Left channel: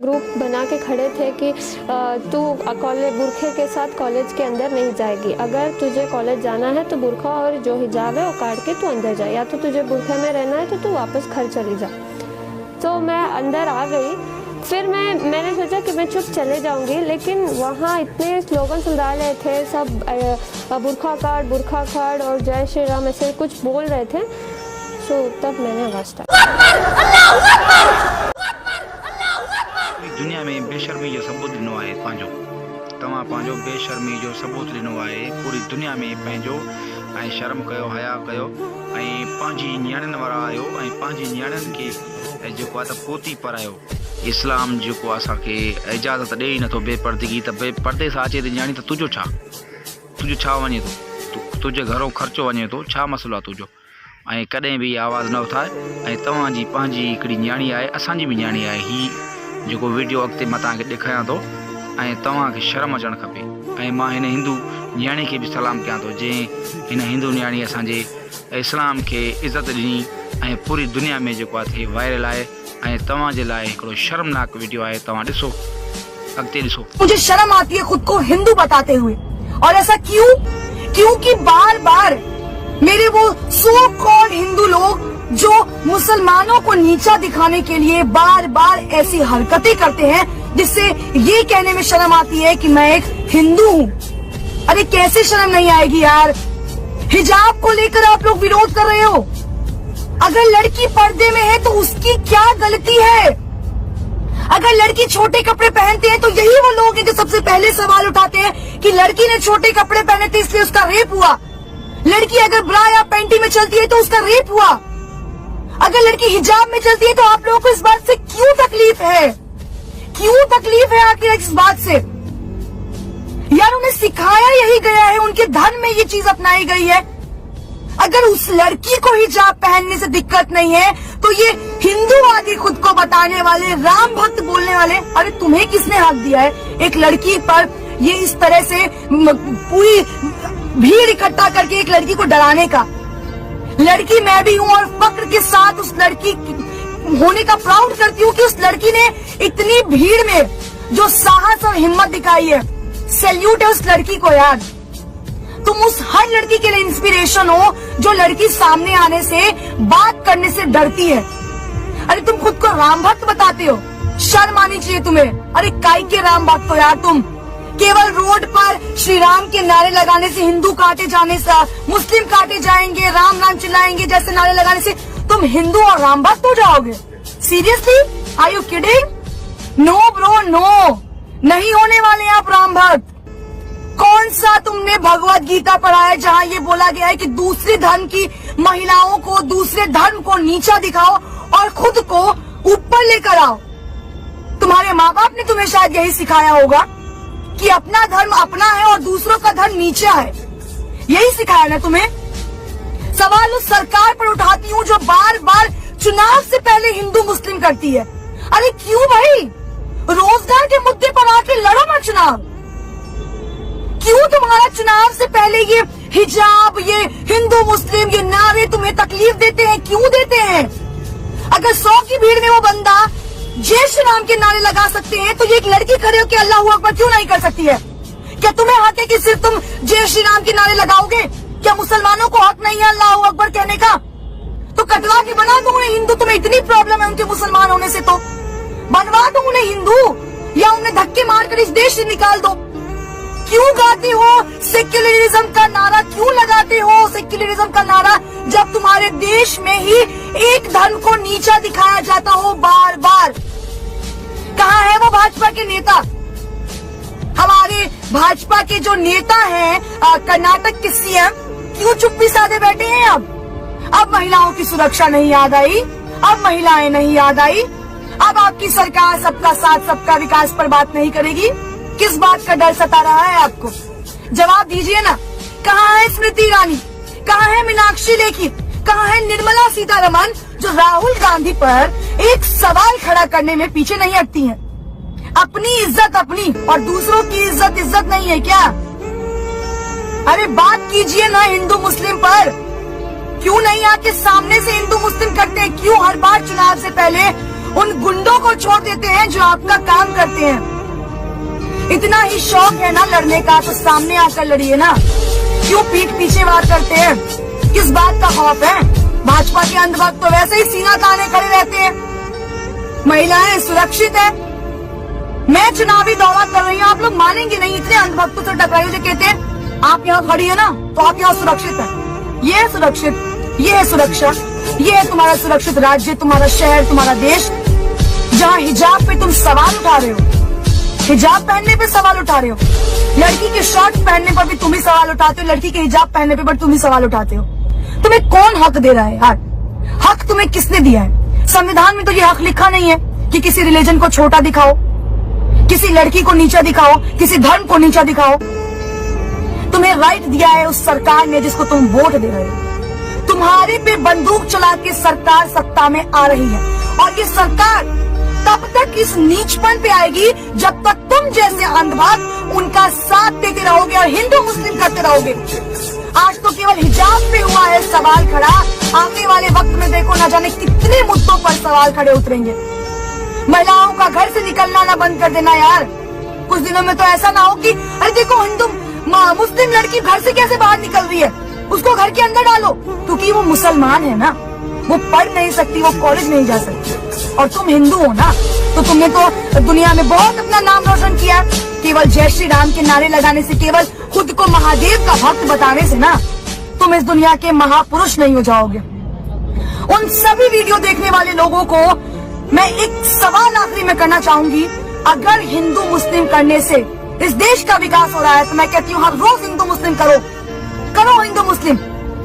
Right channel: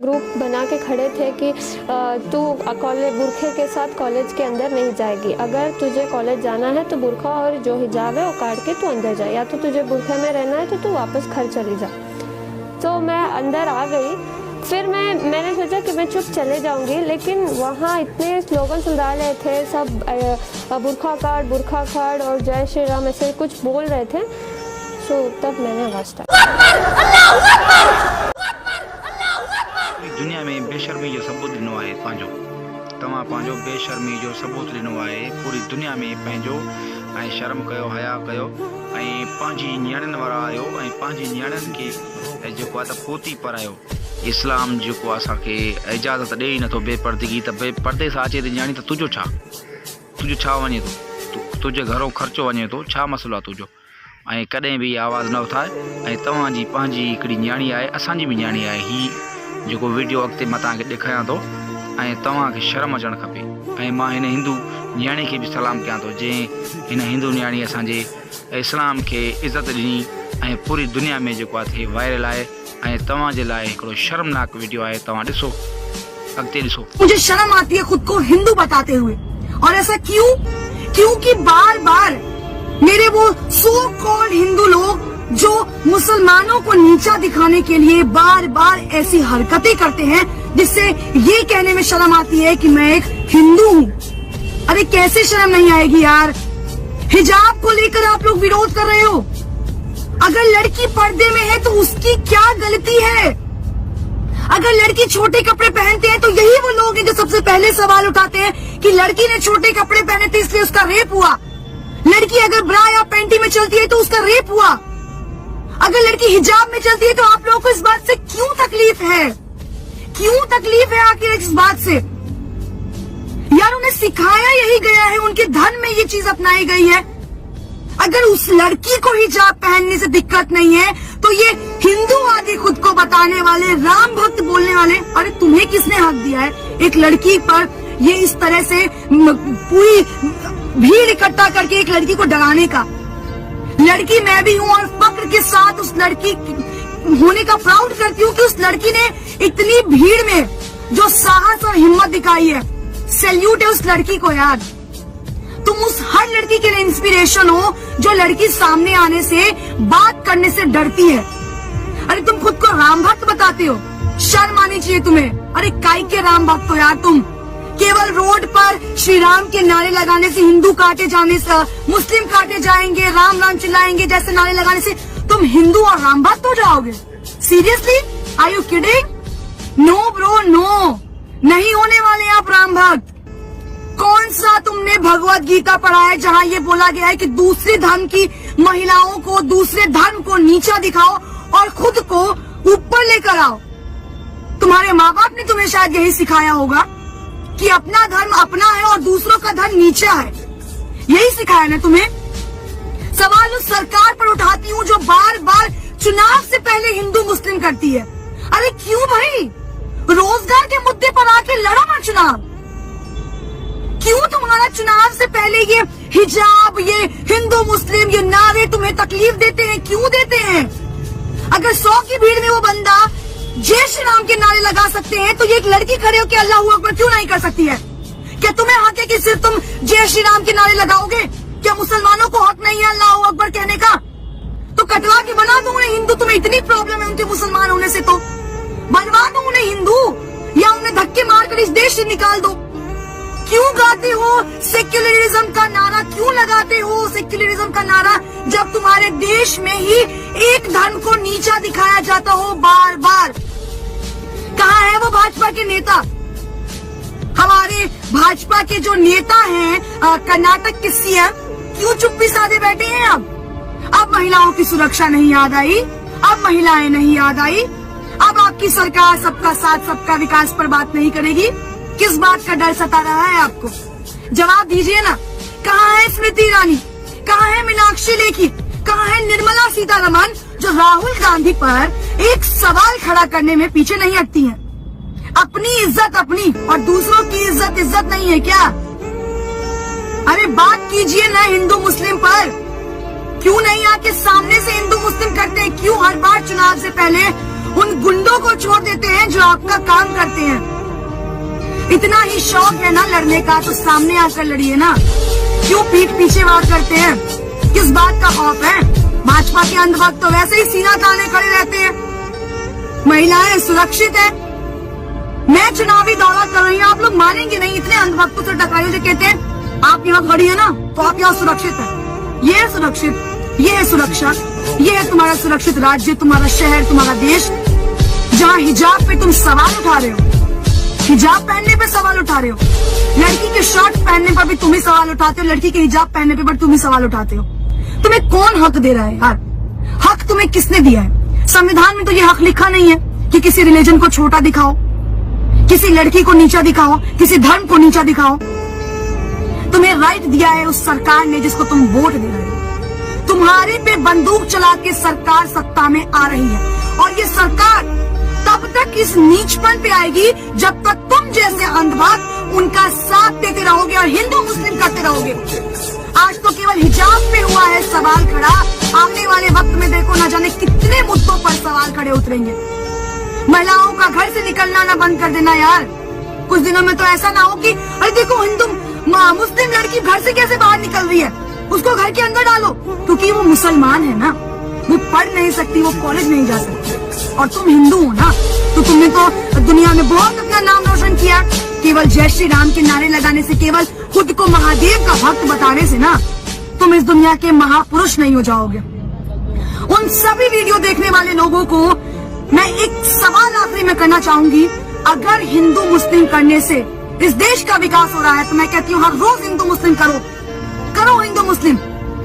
Group बना के खड़े थे कि तू कॉलेज बुरखे के साथ कॉलेज के अंदर नहीं जाएगी। अगर तुझे कॉलेज जाना है तो बुरखा और जो हिजाब है वो काट के तू अंदर जा, या तो तुझे बुरखे में रहना है तो तू वापस घर चली जा। तो मैं अंदर आ गई। फिर मैंने सोचा कि मैं चुप चले जाऊंगी, लेकिन वहाँ इतने स्लोगन सुना रहे थे सब, बुरखा काट और जय श्री राम ऐसे कुछ बोल रहे थे। तो तब मैंने आवाज़ दुनिया में बेशर्मी जो सबूत ॾिनो आहे तव्हां पंहिंजो बेशर्मी जो सबूत ॾिनो आहे पूरी दुनिया में पंहिंजो ऐं शर्म कयो, हया कयो ऐं पंहिंजी नियाणियुनि वारा आहियो ऐं पंहिंजी नियाणियुनि खे जेको आहे त पोती पढ़ायो। इस्लाम जेको असांखे इजाज़त ॾे ई नथो बेपर्दगी, त बेपर्दे सां अचे त नियाणी त तुंहिंजो छा वञे थो, तुंहिंजे घरो ख़र्चो वञे थो, छा मसइलो आहे तुंहिंजो। ऐं कॾहिं बि आवाज़ न उथाए। ऐं तव्हांजी पंहिंजी हिकिड़ी नियाणी आहे, असांजी बि नियाणी आहे। ही जेको वीडियो अॻिते मां तव्हांखे ॾेखारियां थो ऐं तव्हांखे शर्म अचणु खपे। ऐं मां हिन हिंदू नियाणी खे बि सलाम कयां थो जंहिं हिन हिंदू नियाणी असांजे इस्लाम खे इज़त ॾिनी ऐं पूरी दुनिया में जेको आहे वायरल आहे। ऐं तव्हांजे लाइ हिकिड़ो शर्मनाक वीडियो आहे, तव्हां ॾिसो, अॻिते ॾिसो। मुझे शर्म आती है खुद को हिंदू बताते हुए, और ऐसा क्योंकि बार बार मेरे वो सो कॉल्ड हिंदू लोग जो मुसलमानों को नीचा दिखाने के लिए बार बार ऐसी हरकतें करते हैं जिससे ये कहने में शर्म आती है कि मैं एक हिंदू हूँ। अरे कैसे शर्म नहीं आएगी यार। हिजाब को लेकर आप लोग विरोध कर रहे हो। अगर लड़की पर्दे में है तो उसकी क्या गलती है। अगर लड़की छोटे कपड़े पहनते हैं तो यही वो लोग हैं जो सबसे पहले सवाल उठाते हैं कि लड़की ने छोटे कपड़े पहने थे इसलिए उसका रेप हुआ। लड़की अगर ब्रा या पैंटी में चलती है तो उसका रेप हुआ। अगर लड़की हिजाब में चलती है तो आप लोगों को इस बात से क्यों तकलीफ है? क्यों तकलीफ है आखिर इस बात से? यार उन्हें सिखाया यही गया है, उनके धर्म में ये चीज अपनाई गई है। अगर उस लड़की को हिजाब पहनने से दिक्कत नहीं है तो ये हिंदूवादी खुद को बताने वाले, राम भक्त बोलने वाले, अरे तुम्हें किसने हक दिया है एक लड़की पर ये इस तरह से पूरी भीड़ इकट्ठा करके एक लड़की को डराने का? लड़की मैं भी हूँ और फक्र के साथ उस लड़की होने का प्राउड करती हूँ कि उस लड़की ने इतनी भीड़ में जो साहस और हिम्मत दिखाई है। सैल्यूट है उस लड़की को यार। तुम उस हर लड़की के लिए इंस्पिरेशन हो जो लड़की सामने आने से, बात करने से डरती है। अरे तुम खुद को राम भक्त बताते हो, शर्म आनी चाहिए तुम्हें। अरे काई के राम भक्त हो यार तुम। केवल रोड पर श्री राम के नारे लगाने से, हिंदू काटे जाने से, मुस्लिम काटे जाएंगे, राम राम चिल्लाएंगे जैसे नारे लगाने से तुम हिंदू और राम भक्त हो जाओगे? Seriously, are you kidding? No bro no, नहीं होने वाले आप राम भक्त। कौन सा तुमने भगवत गीता पढ़ा है जहाँ ये बोला गया है कि दूसरे धर्म की महिलाओं को, दूसरे धर्म को नीचा दिखाओ और खुद को ऊपर लेकर आओ? तुम्हारे माँ बाप ने तुम्हें शायद यही सिखाया होगा कि अपना धर्म अपना है और दूसरों का धर्म नीचा है। यही सिखाया ना तुम्हें? सवाल उस सरकार पर उठाती हूँ जो बार बार चुनाव से पहले हिंदू मुस्लिम करती है। अरे क्यों भाई? रोजगार के मुद्दे पर आके लड़ो ना चुनाव। क्यों तुम्हारा चुनाव से पहले ये हिजाब, ये हिंदू मुस्लिम, ये नारे तुम्हें तकलीफ देते हैं? क्यों देते हैं? अगर 100 की भीड़ में वो बंदा जय श्री राम के नारे लगा सकते हैं तो ये एक लड़की खड़े हो कि अल्लाह अकबर क्यों नहीं कर सकती है? क्या तुम्हें हक है कि सिर्फ तुम जय श्री राम के नारे लगाओगे? क्या मुसलमानों को हक नहीं है अल्लाह अकबर कहने का? तो कटवा के बना दो उन्हें हिंदू। तुम्हें इतनी प्रॉब्लम है उनके मुसलमान होने से तो बनवा दो उन्हें हिंदू, या उन्हें धक्के मारकर इस देश से निकाल दो। क्यों गाते हो सेक्युलरिज्म का नारा? क्यों लगाते हो सेक्युलरिज्म का नारा जब तुम्हारे देश में ही एक धर्म को नीचा दिखाया जाता हो बार बार? कहाँ है वो भाजपा के नेता? हमारे भाजपा के जो नेता हैं कर्नाटक के सीएम, क्यों चुप्पी साधे बैठे हैं? अब महिलाओं की सुरक्षा नहीं याद आई, अब महिलाएं नहीं याद आई, अब आपकी सरकार सबका साथ सबका विकास पर बात नहीं करेगी। किस बात का डर सता रहा है आपको? जवाब दीजिए ना। कहाँ है स्मृति ईरानी? कहाँ है मीनाक्षी लेखी? कहाँ है निर्मला सीतारमण जो राहुल गांधी पर एक सवाल खड़ा करने में पीछे नहीं हटती हैं? अपनी इज्जत अपनी और दूसरों की इज्जत नहीं है क्या? अरे बात कीजिए ना हिंदू मुस्लिम पर। क्यों नहीं आके सामने से हिंदू मुस्लिम करते हैं? क्यों हर बार चुनाव से पहले उन गुंडों को छोड़ देते हैं जो आपका काम करते हैं। इतना ही शौक है ना लड़ने का तो सामने आकर लड़िए ना, क्यों पीठ पीछे वार करते हैं? किस बात का खौफ है? भाजपा के अंधभक्त तो वैसे ही सीना ताने खड़े रहते हैं। महिलाएं सुरक्षित है। मैं चुनावी दौरा कर रही हूँ, आप लोग मानेंगे नहीं, इतने अंधभक्तों से टकराइए जो कहते हैं आप यहाँ खड़ी है ना तो आप यहाँ सुरक्षित है। ये है सुरक्षित, ये है सुरक्षा, ये है तुम्हारा सुरक्षित राज्य, तुम्हारा शहर, तुम्हारा देश, जहाँ हिजाब पे तुम सवाल उठा रहे हो, हिजाब पहनने पे सवाल उठा रहे हो, लड़की के शर्ट पहनने पर भी तुम ही सवाल उठाते हो, लड़की के हिजाब पहनने पे तुम ही सवाल उठाते हो। तुम्हें कौन हक दे रहा है यार? हक तुम्हें किसने दिया है? संविधान में तो ये हक लिखा नहीं है कि किसी रिलीजन को छोटा दिखाओ, किसी लड़की को नीचा दिखाओ, किसी धर्म को नीचा दिखाओ। तुम्हें राइट दिया है उस सरकार ने जिसको तुम वोट दे रहे हो। तुम्हारे पे बंदूक चला के सरकार सत्ता में आ रही है और ये सरकार तब तक इस नीचपन पे आएगी जब तक तुम जैसे अंधभक्त उनका साथ देते रहोगे और हिंदू मुस्लिम करते रहोगे। आज तो केवल हिजाब पे हुआ है सवाल खड़ा, आने वाले वक्त में देखो न जाने कितने मुद्दों पर सवाल खड़े उतरेंगे। महिलाओं का घर से निकलना ना बंद कर देना यार। कुछ दिनों में तो ऐसा ना हो कि अरे देखो हिंदू मुस्लिम लड़की घर से कैसे बाहर निकल रही है, उसको घर के अंदर डालो, क्योंकि वो मुसलमान है ना, वो पढ़ नहीं सकती, वो कॉलेज नहीं जा सकती। और तुम हिंदू हो ना, तो तुमने तो दुनिया में बहुत अपना नाम रोशन किया। केवल जय श्री राम के नारे लगाने से, केवल खुद को महादेव का भक्त बताने से ना तुम इस दुनिया के महापुरुष नहीं हो जाओगे। उन सभी वीडियो देखने वाले लोगों को मैं एक सवाल आखिरी में करना चाहूंगी, अगर हिंदू मुस्लिम करने से इस देश का विकास हो रहा है तो मैं कहती हूँ हर रोज हिंदू मुस्लिम करो हिंदू मुस्लिम।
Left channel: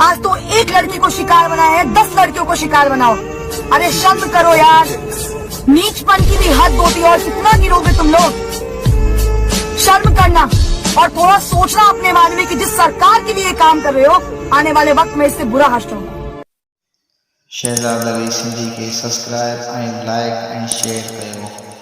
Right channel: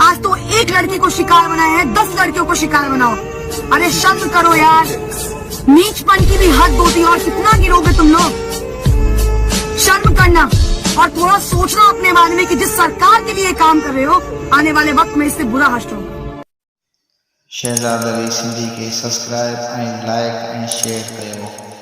आज तो एक लड़की को शिकार बनाया है, 10 लड़कियों को शिकार बनाओ। अरे शर्म करो यार, नीचपन की भी हद होती है और कितना गिरोगे तुम लोग? शर्म करना और थोड़ा सोचना अपने बारे में कि जिस सरकार के लिए काम कर रहे हो आने वाले वक्त में इससे बुरा हश्र होगा। शहजाद अली सिंधी के subscribe and like and share कयो।